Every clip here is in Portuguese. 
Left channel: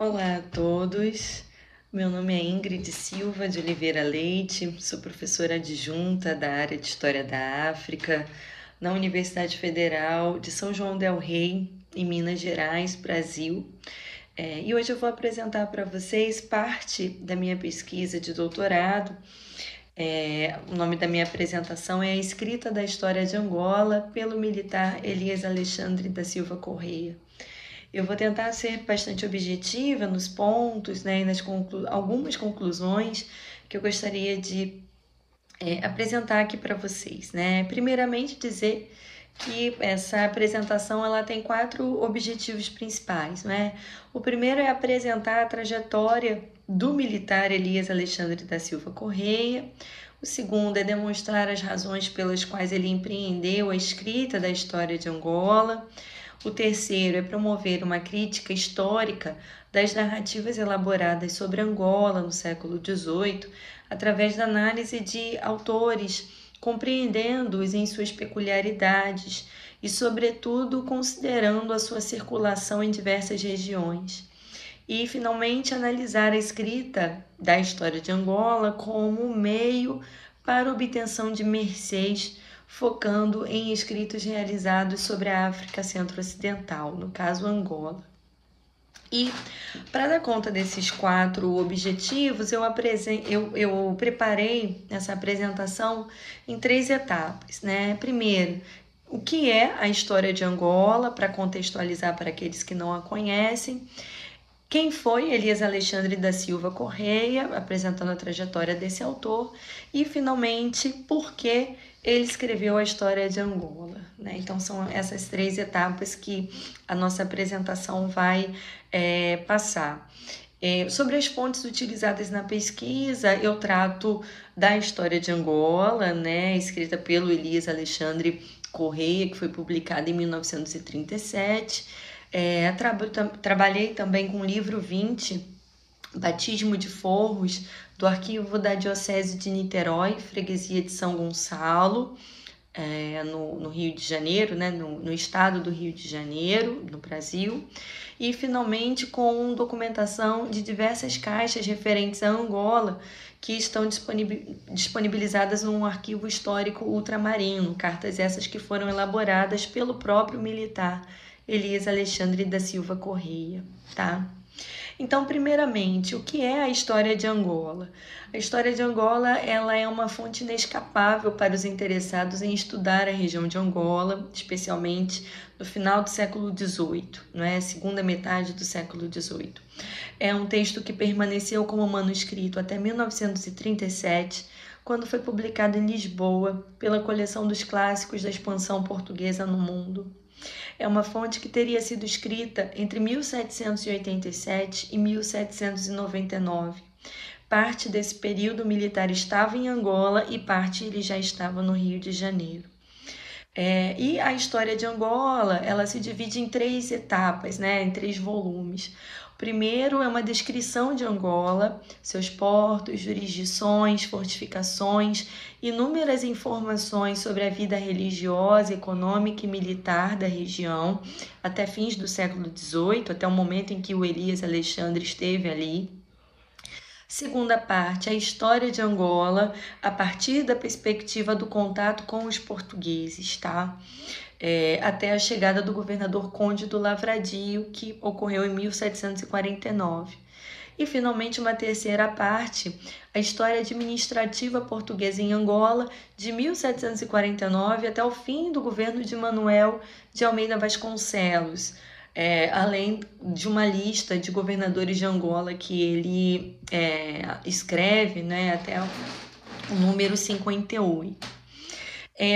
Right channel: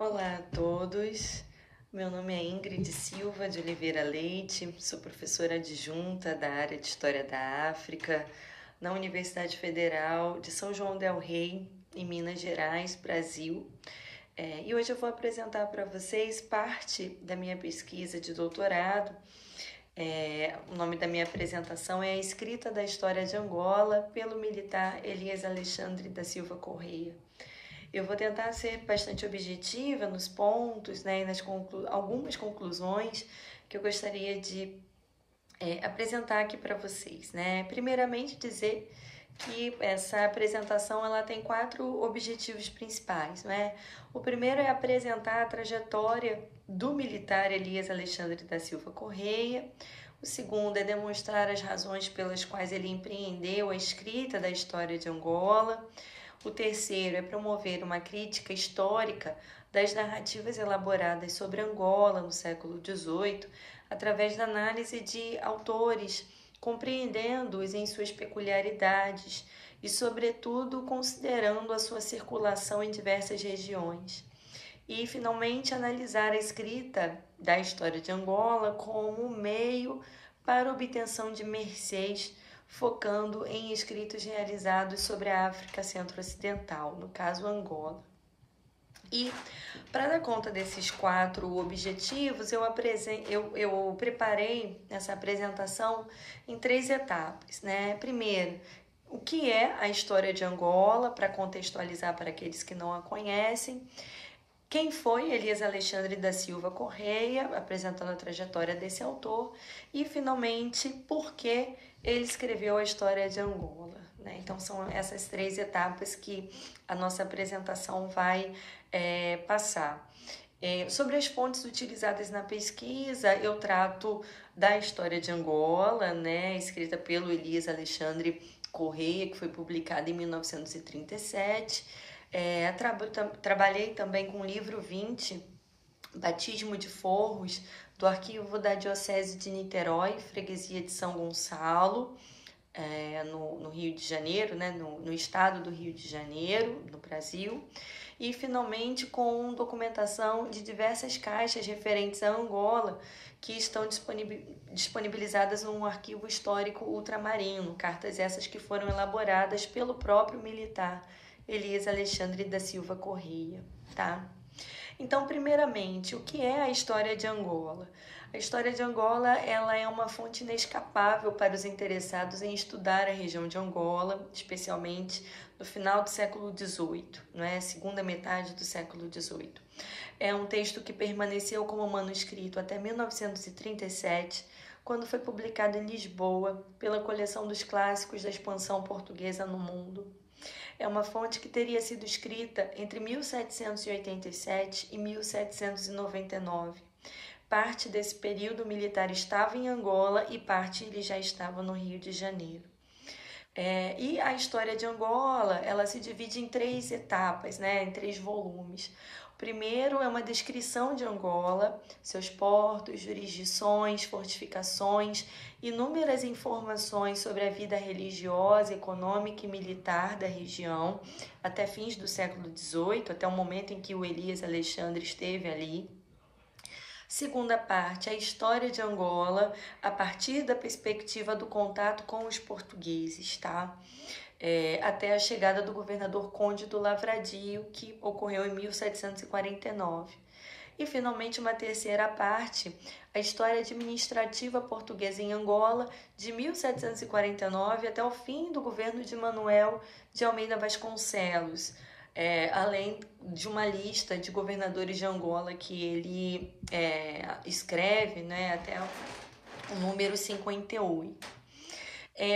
Olá a todos, meu nome é Ingrid Silva de Oliveira Leite, sou professora adjunta da área de História da África na Universidade Federal de São João del Rei, em Minas Gerais, Brasil. E hoje eu vou apresentar para vocês parte da minha pesquisa de doutorado. O nome da minha apresentação é A Escrita da História de Angola pelo militar Elias Alexandre da Silva Correia. Eu vou tentar ser bastante objetiva nos pontos, né, e algumas conclusões que eu gostaria de apresentar aqui para vocês, né? Primeiramente, dizer que essa apresentação ela tem 4 objetivos principais, né? O primeiro é apresentar a trajetória do militar Elias Alexandre da Silva Correia. O segundo é demonstrar as razões pelas quais ele empreendeu a escrita da história de Angola. O terceiro é promover uma crítica histórica das narrativas elaboradas sobre Angola no século XVIII, através da análise de autores, compreendendo-os em suas peculiaridades e, sobretudo, considerando a sua circulação em diversas regiões. E, finalmente, analisar a escrita da história de Angola como meio para obtenção de mercês, focando em escritos realizados sobre a África Centro-Ocidental, no caso Angola. E para dar conta desses 4 objetivos, eu preparei essa apresentação em 3 etapas, né? Primeiro, o que é a história de Angola, para contextualizar para aqueles que não a conhecem. Quem foi Elias Alexandre da Silva Correia, apresentando a trajetória desse autor, e finalmente por que ele escreveu a história de Angola, né? Então são essas 3 etapas que a nossa apresentação vai passar. Sobre as fontes utilizadas na pesquisa, eu trato da história de Angola, né, escrita pelo Elias Alexandre Correia, que foi publicada em 1937. Trabalhei também com o livro 20, Batismo de Forros, do arquivo da Diocese de Niterói, freguesia de São Gonçalo, no Rio de Janeiro, né, no estado do Rio de Janeiro, no Brasil. E, finalmente, com documentação de diversas caixas referentes a Angola, que estão disponibilizadas num arquivo histórico ultramarino, cartas essas que foram elaboradas pelo próprio militar Elias Alexandre da Silva Correia, tá? Então, primeiramente, o que é a história de Angola? A história de Angola ela é uma fonte inescapável para os interessados em estudar a região de Angola, especialmente no final do século XVIII, segunda metade do século XVIII. É um texto que permaneceu como manuscrito até 1937, quando foi publicado em Lisboa pela coleção dos clássicos da expansão portuguesa no mundo. É uma fonte que teria sido escrita entre 1787 e 1799. Parte desse período militar estava em Angola e parte ele já estava no Rio de Janeiro. E a história de Angola, ela se divide em 3 etapas, né, em 3 volumes. O primeiro é uma descrição de Angola, seus portos, jurisdições, fortificações, inúmeras informações sobre a vida religiosa, econômica e militar da região, até fins do século XVIII, até o momento em que o Elias Alexandre esteve ali. Segunda parte, a história de Angola, a partir da perspectiva do contato com os portugueses, tá? Até a chegada do governador Conde do Lavradio, que ocorreu em 1749. E, finalmente, uma terceira parte, a história administrativa portuguesa em Angola, de 1749 até o fim do governo de Manuel de Almeida Vasconcelos, além de uma lista de governadores de Angola que ele escreve, né, até o número 58.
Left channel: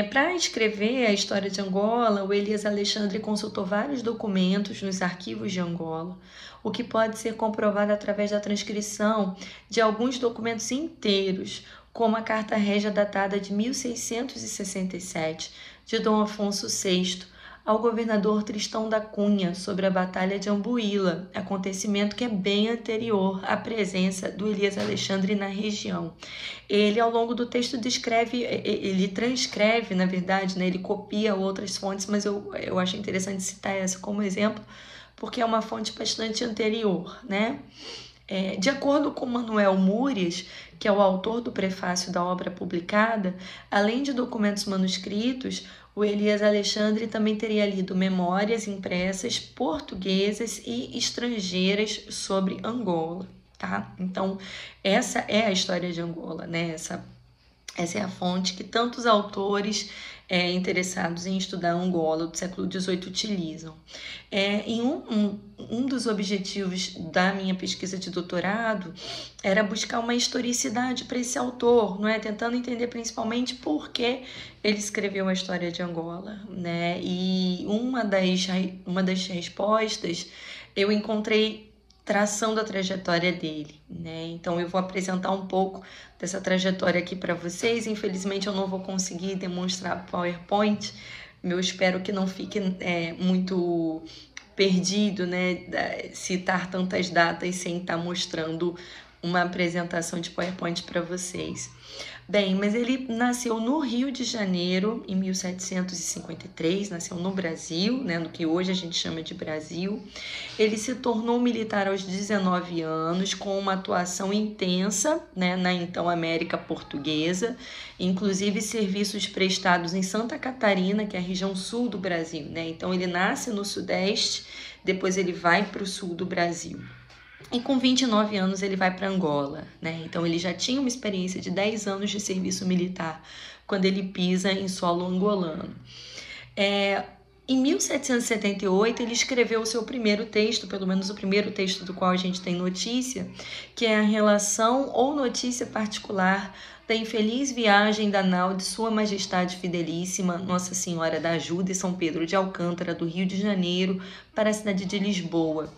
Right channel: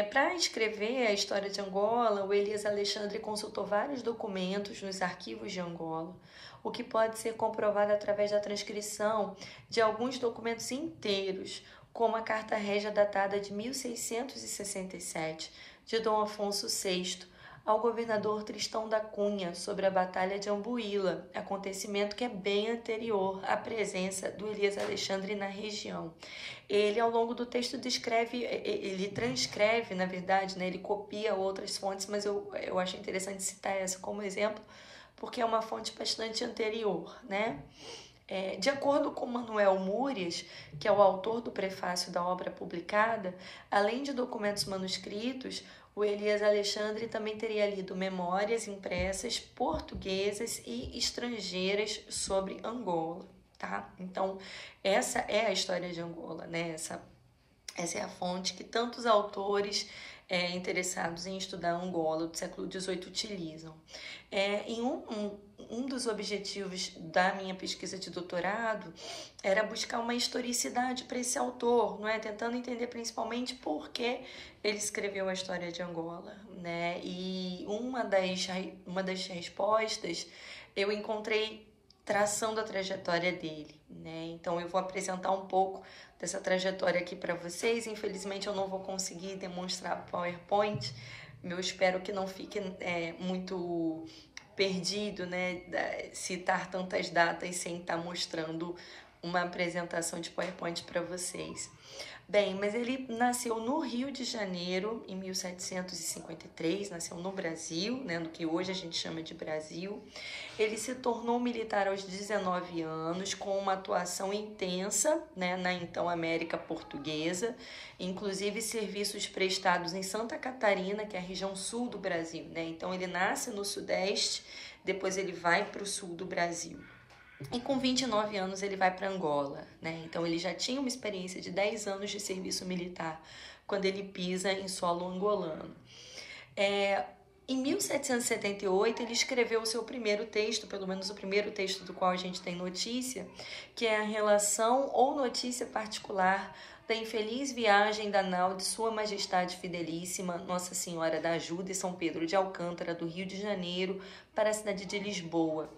Para escrever a história de Angola, o Elias Alexandre consultou vários documentos nos arquivos de Angola, o que pode ser comprovado através da transcrição de alguns documentos inteiros, como a Carta Régia datada de 1667, de Dom Afonso VI, ao governador Tristão da Cunha sobre a Batalha de Ambuíla, acontecimento que é bem anterior à presença do Elias Alexandre na região. Ele, ao longo do texto, ele transcreve, na verdade, né, ele copia outras fontes, mas eu achei interessante citar essa como exemplo, porque é uma fonte bastante anterior, né? De acordo com Manuel Múrias, que é o autor do prefácio da obra publicada, além de documentos manuscritos, o Elias Alexandre também teria lido memórias impressas portuguesas e estrangeiras sobre Angola, tá? Então, essa é a história de Angola, né? Essa é a fonte que tantos autores interessados em estudar Angola do século XVIII utilizam. Em um dos objetivos da minha pesquisa de doutorado era buscar uma historicidade para esse autor, não é? Tentando entender principalmente por que ele escreveu a história de Angola, né? E uma das respostas eu encontrei traçando a trajetória dele, né? Então eu vou apresentar um pouco dessa trajetória aqui para vocês. Infelizmente eu não vou conseguir demonstrar PowerPoint. Eu espero que não fique muito perdido, né? Citar tantas datas sem estar mostrando uma apresentação de PowerPoint para vocês. Bem, mas ele nasceu no Rio de Janeiro em 1753, nasceu no Brasil, né, no que hoje a gente chama de Brasil. Ele se tornou militar aos 19 anos, com uma atuação intensa, né, na então América Portuguesa, inclusive serviços prestados em Santa Catarina, que é a região sul do Brasil, né? Então ele nasce no Sudeste, depois ele vai para o sul do Brasil. E com 29 anos ele vai para Angola, né? Então ele já tinha uma experiência de 10 anos de serviço militar quando ele pisa em solo angolano. Em 1778 ele escreveu o seu primeiro texto, pelo menos o primeiro texto do qual a gente tem notícia, que é a relação ou notícia particular da infeliz viagem da nau de Sua Majestade Fidelíssima, Nossa Senhora da Ajuda e São Pedro de Alcântara, do Rio de Janeiro, para a cidade de Lisboa.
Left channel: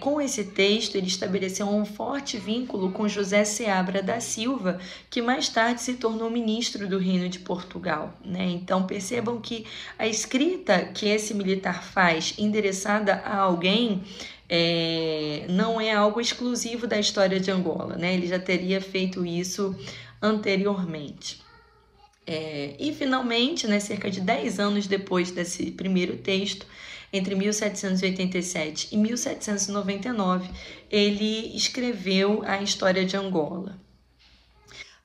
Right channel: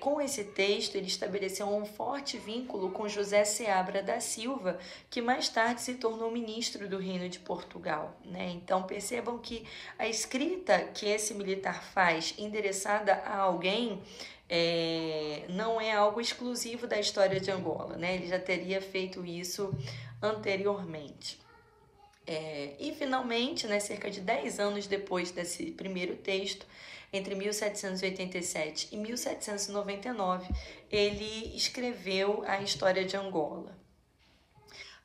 Com esse texto, ele estabeleceu um forte vínculo com José Seabra da Silva, que mais tarde se tornou ministro do Reino de Portugal, né? Então, percebam que a escrita que esse militar faz, endereçada a alguém, não é algo exclusivo da história de Angola, né? Ele já teria feito isso anteriormente. E, finalmente, né, cerca de 10 anos depois desse primeiro texto, entre 1787 e 1799, ele escreveu a história de Angola.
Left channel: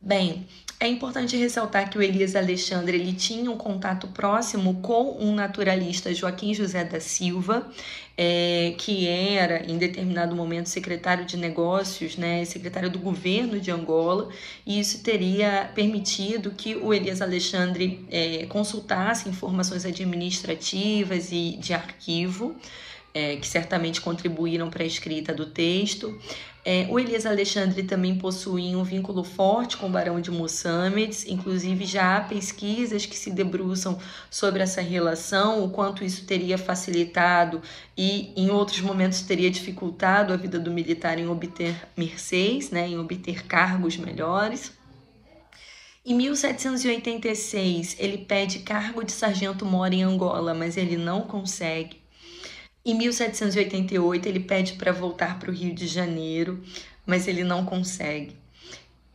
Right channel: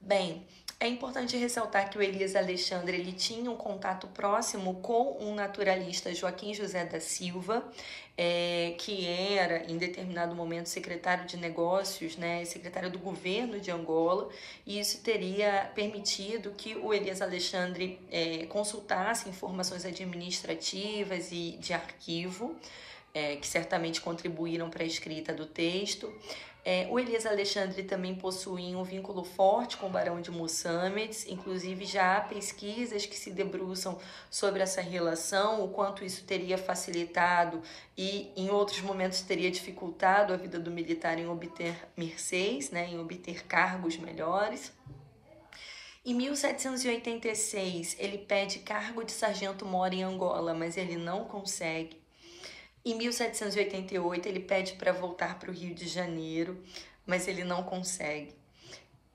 Bem, é importante ressaltar que o Elias Alexandre ele tinha um contato próximo com um naturalista, Joaquim José da Silva, que era, em determinado momento, secretário de negócios, né, secretário do governo de Angola, e isso teria permitido que o Elias Alexandre consultasse informações administrativas e de arquivo, que certamente contribuíram para a escrita do texto. O Elias Alexandre também possuía um vínculo forte com o Barão de Moçambique, inclusive já há pesquisas que se debruçam sobre essa relação, o quanto isso teria facilitado e em outros momentos teria dificultado a vida do militar em obter mercês, né, em obter cargos melhores. Em 1786, ele pede cargo de sargento-mor em Angola, mas ele não consegue. Em 1788, ele pede para voltar para o Rio de Janeiro, mas ele não consegue.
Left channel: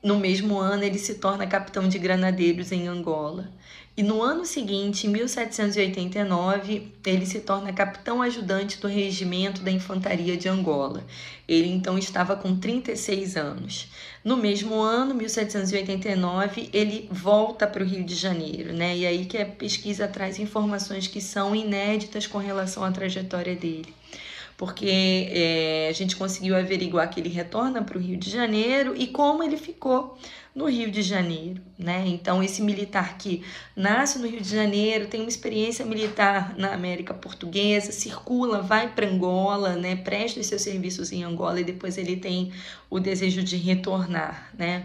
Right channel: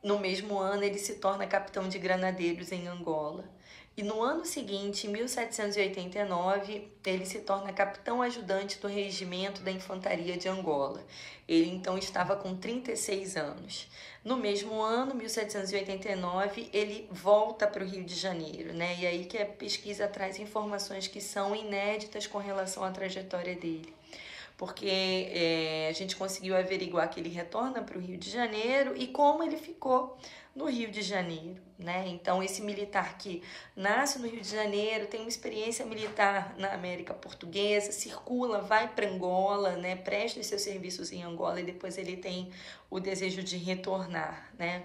No mesmo ano, ele se torna capitão de granadeiros em Angola. E no ano seguinte, em 1789, ele se torna capitão ajudante do regimento da infantaria de Angola. Ele então estava com 36 anos. No mesmo ano, 1789, ele volta para o Rio de Janeiro, né? E aí que a pesquisa traz informações que são inéditas com relação à trajetória dele. Porque a gente conseguiu averiguar que ele retorna para o Rio de Janeiro e como ele ficou no Rio de Janeiro, né? Então, esse militar que nasce no Rio de Janeiro, tem uma experiência militar na América Portuguesa, circula, vai para Angola, né? Presta os seus serviços em Angola e depois ele tem o desejo de retornar, né?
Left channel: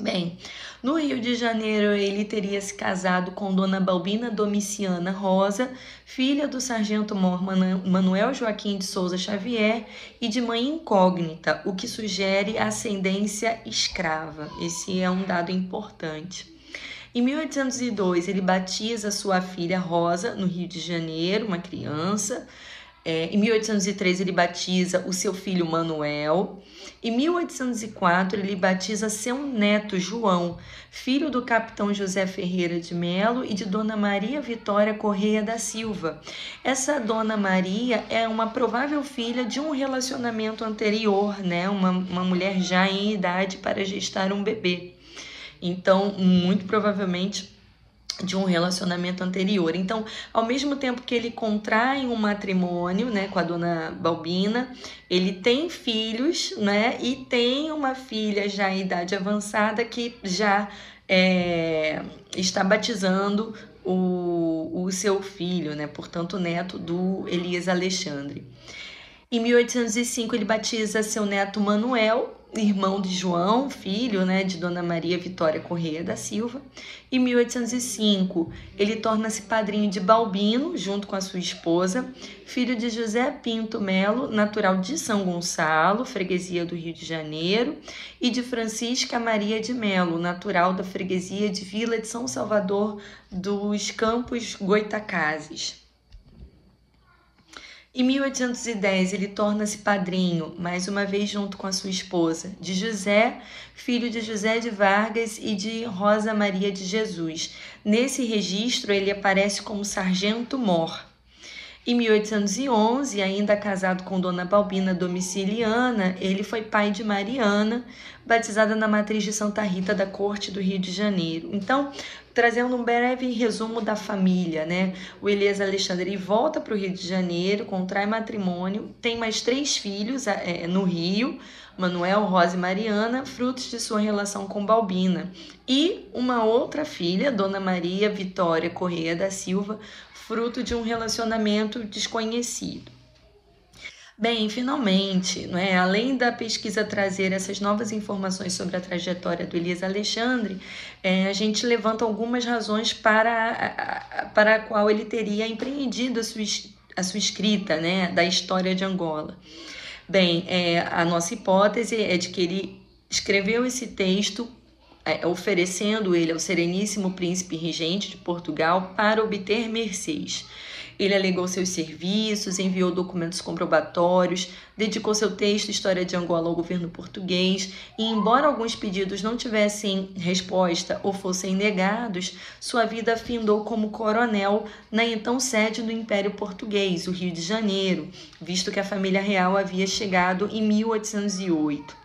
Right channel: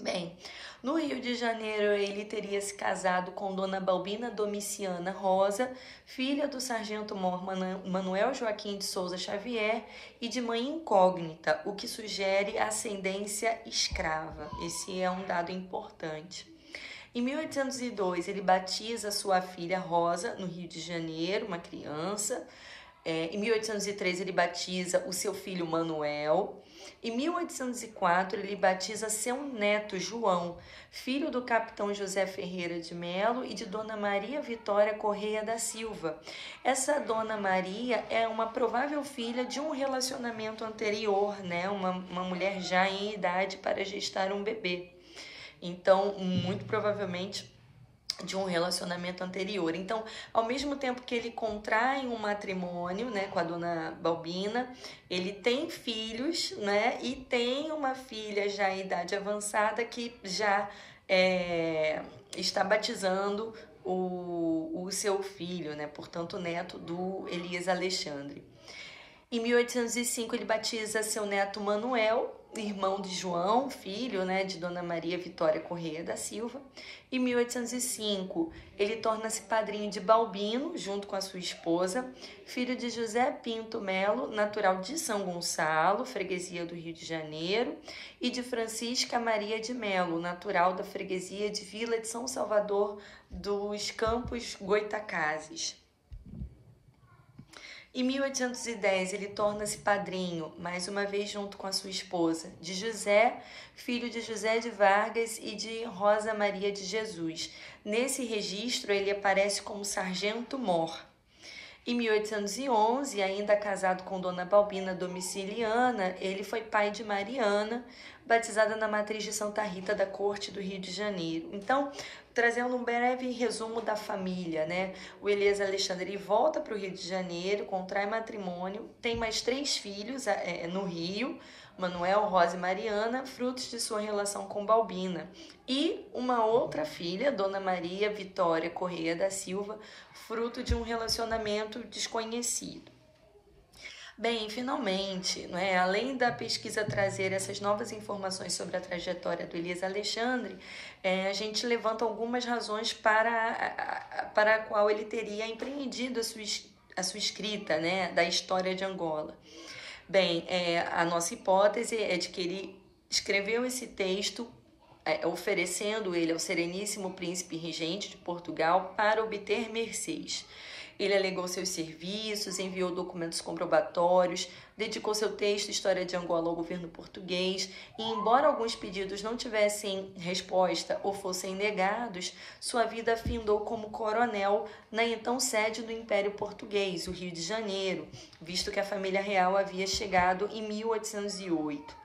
Bem, no Rio de Janeiro ele teria se casado com Dona Balbina Domiciana Rosa, filha do sargento-mor Manuel Joaquim de Souza Xavier e de mãe incógnita, o que sugere ascendência escrava. Esse é um dado importante. Em 1802 ele batiza sua filha Rosa no Rio de Janeiro, uma criança. Em 1803 ele batiza o seu filho Manuel. Em 1804 ele batiza seu neto João, filho do capitão José Ferreira de Melo e de Dona Maria Vitória Correia da Silva. Essa Dona Maria é uma provável filha de um relacionamento anterior, né? Uma mulher já em idade para gestar um bebê. Então, muito provavelmente de um relacionamento anterior. Então, ao mesmo tempo que ele contrai um matrimônio, né, com a Dona Balbina, ele tem filhos, né, e tem uma filha já em idade avançada que já está batizando o seu filho, né, portanto, neto do Elias Alexandre. Em 1805 ele batiza seu neto Manuel, irmão de João, filho, né, de Dona Maria Vitória Correia da Silva. Em 1805 ele torna-se padrinho de Balbino, junto com a sua esposa, filho de José Pinto Melo, natural de São Gonçalo, freguesia do Rio de Janeiro, e de Francisca Maria de Melo, natural da freguesia de Vila de São Salvador dos Campos Goitacazes. Em 1810, ele torna-se padrinho, mais uma vez junto com a sua esposa, de José, filho de José de Vargas e de Rosa Maria de Jesus. Nesse registro, ele aparece como sargento mor. Em 1811, ainda casado com Dona Balbina Domiciliana, ele foi pai de Mariana, batizada na matriz de Santa Rita da Corte do Rio de Janeiro. Então, trazendo um breve resumo da família, né? O Elias Alexandre volta para o Rio de Janeiro, contrai matrimônio, tem mais 3 filhos no Rio, Manuel, Rosa e Mariana, frutos de sua relação com Balbina. E uma outra filha, Dona Maria Vitória Correia da Silva, fruto de um relacionamento desconhecido. Bem, finalmente, né, além da pesquisa trazer essas novas informações sobre a trajetória do Elias Alexandre, a gente levanta algumas razões para a qual ele teria empreendido a sua escrita, né, da história de Angola. Bem, a nossa hipótese é de que ele escreveu esse texto oferecendo ele ao Sereníssimo Príncipe Regente de Portugal para obter mercês. Ele alegou seus serviços, enviou documentos comprobatórios, dedicou seu texto História de Angola ao governo português e, embora alguns pedidos não tivessem resposta ou fossem negados, sua vida findou como coronel na então sede do Império Português, o Rio de Janeiro, visto que a família real havia chegado em 1808.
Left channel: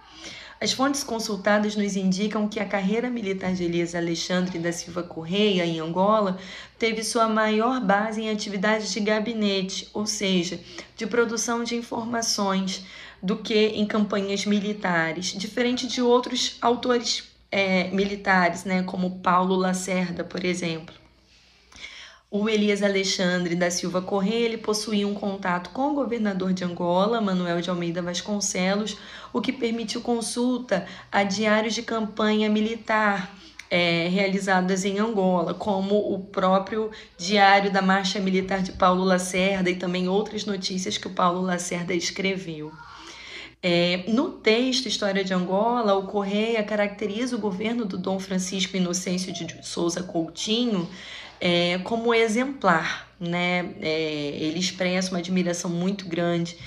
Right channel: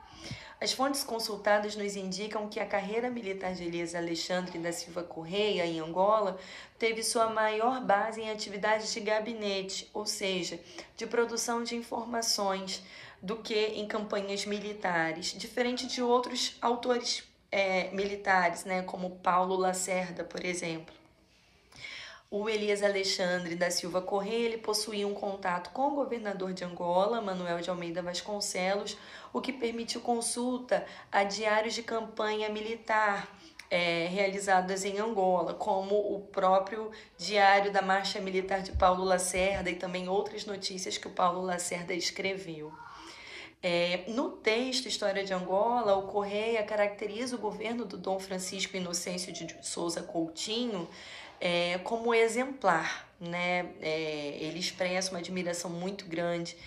As fontes consultadas nos indicam que a carreira militar de Elias Alexandre da Silva Correia, em Angola, teve sua maior base em atividades de gabinete, ou seja, de produção de informações, do que em campanhas militares, diferente de outros autores militares, né, como Paulo Lacerda, por exemplo. O Elias Alexandre da Silva Correia, ele possuía um contato com o governador de Angola, Manuel de Almeida Vasconcelos, o que permitiu consulta a diários de campanha militar realizadas em Angola, como o próprio Diário da Marcha Militar de Paulo Lacerda e também outras notícias que o Paulo Lacerda escreveu. No texto História de Angola, o Correia caracteriza o governo do Dom Francisco Inocêncio de Souza Coutinho como exemplar, né? Ele expressa uma admiração muito grande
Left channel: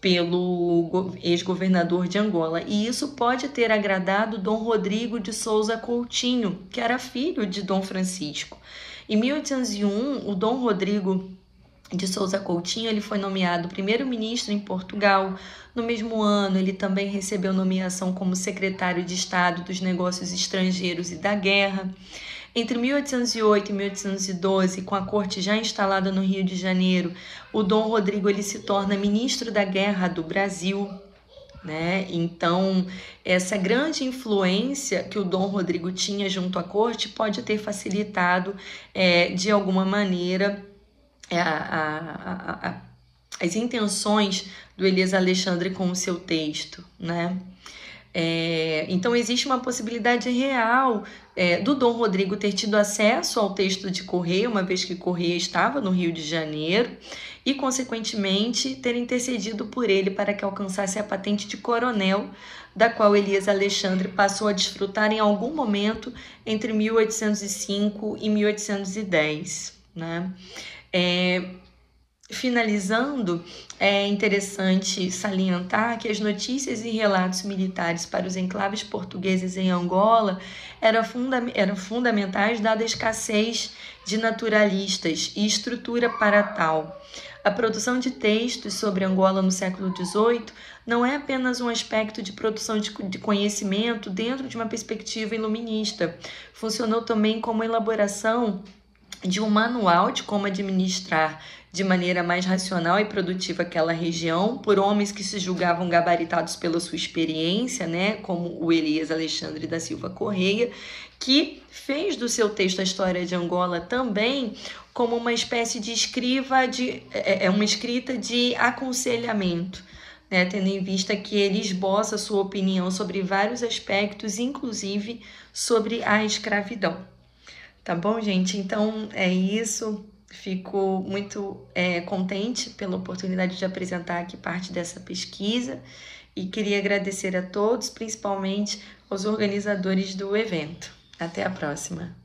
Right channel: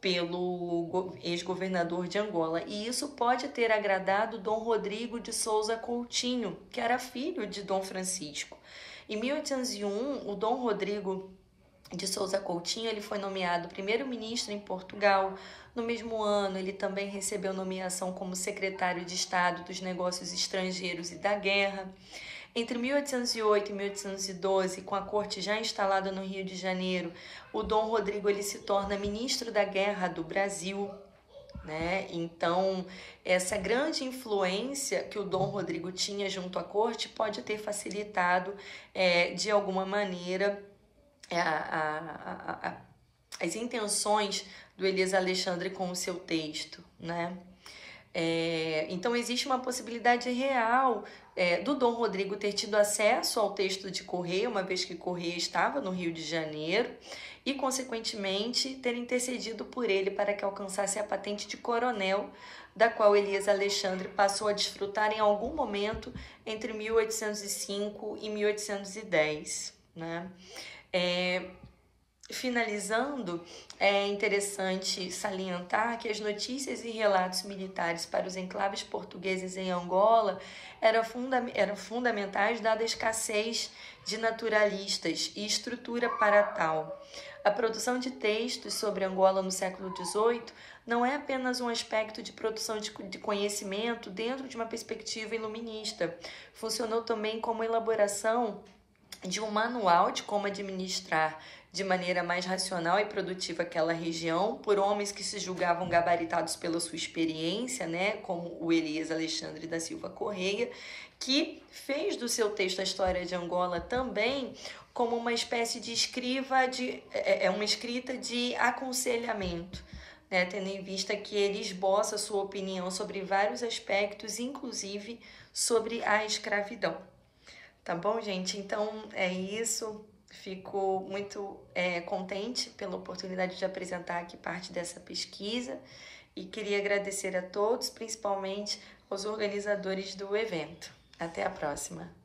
pelo ex-governador de Angola, e isso pode ter agradado Dom Rodrigo de Souza Coutinho, que era filho de Dom Francisco. Em 1801, o Dom Rodrigo de Souza Coutinho ele foi nomeado primeiro-ministro em Portugal. No mesmo ano, ele também recebeu nomeação como secretário de Estado dos Negócios Estrangeiros e da Guerra. Entre 1808 e 1812, com a corte já instalada no Rio de Janeiro, o Dom Rodrigo ele se torna ministro da Guerra do Brasil, né? Então, essa grande influência que o Dom Rodrigo tinha junto à corte pode ter facilitado, de alguma maneira, as intenções do Elias Alexandre com o seu texto, né? Então, existe uma possibilidade real do Dom Rodrigo ter tido acesso ao texto de Correia, uma vez que Correia estava no Rio de Janeiro, e, consequentemente, ter intercedido por ele para que alcançasse a patente de coronel, da qual Elias Alexandre passou a desfrutar em algum momento entre 1805 e 1810, né? Finalizando, é interessante salientar que as notícias e relatos militares para os enclaves portugueses em Angola eram fundamentais dada a escassez de naturalistas e estrutura para tal. A produção de textos sobre Angola no século XVIII não é apenas um aspecto de produção de conhecimento dentro de uma perspectiva iluminista. Funcionou também como elaboração de um manual de como administrar de maneira mais racional e produtiva aquela região, por homens que se julgavam gabaritados pela sua experiência, né, como o Elias Alexandre da Silva Correia, que fez do seu texto A História de Angola também como uma espécie de uma escrita de aconselhamento, né, tendo em vista que ele esboça sua opinião sobre vários aspectos, inclusive sobre a escravidão. Tá bom, gente? Então é isso. Fico muito contente pela oportunidade de apresentar aqui parte dessa pesquisa e queria agradecer a todos, principalmente aos organizadores do evento. Até a próxima!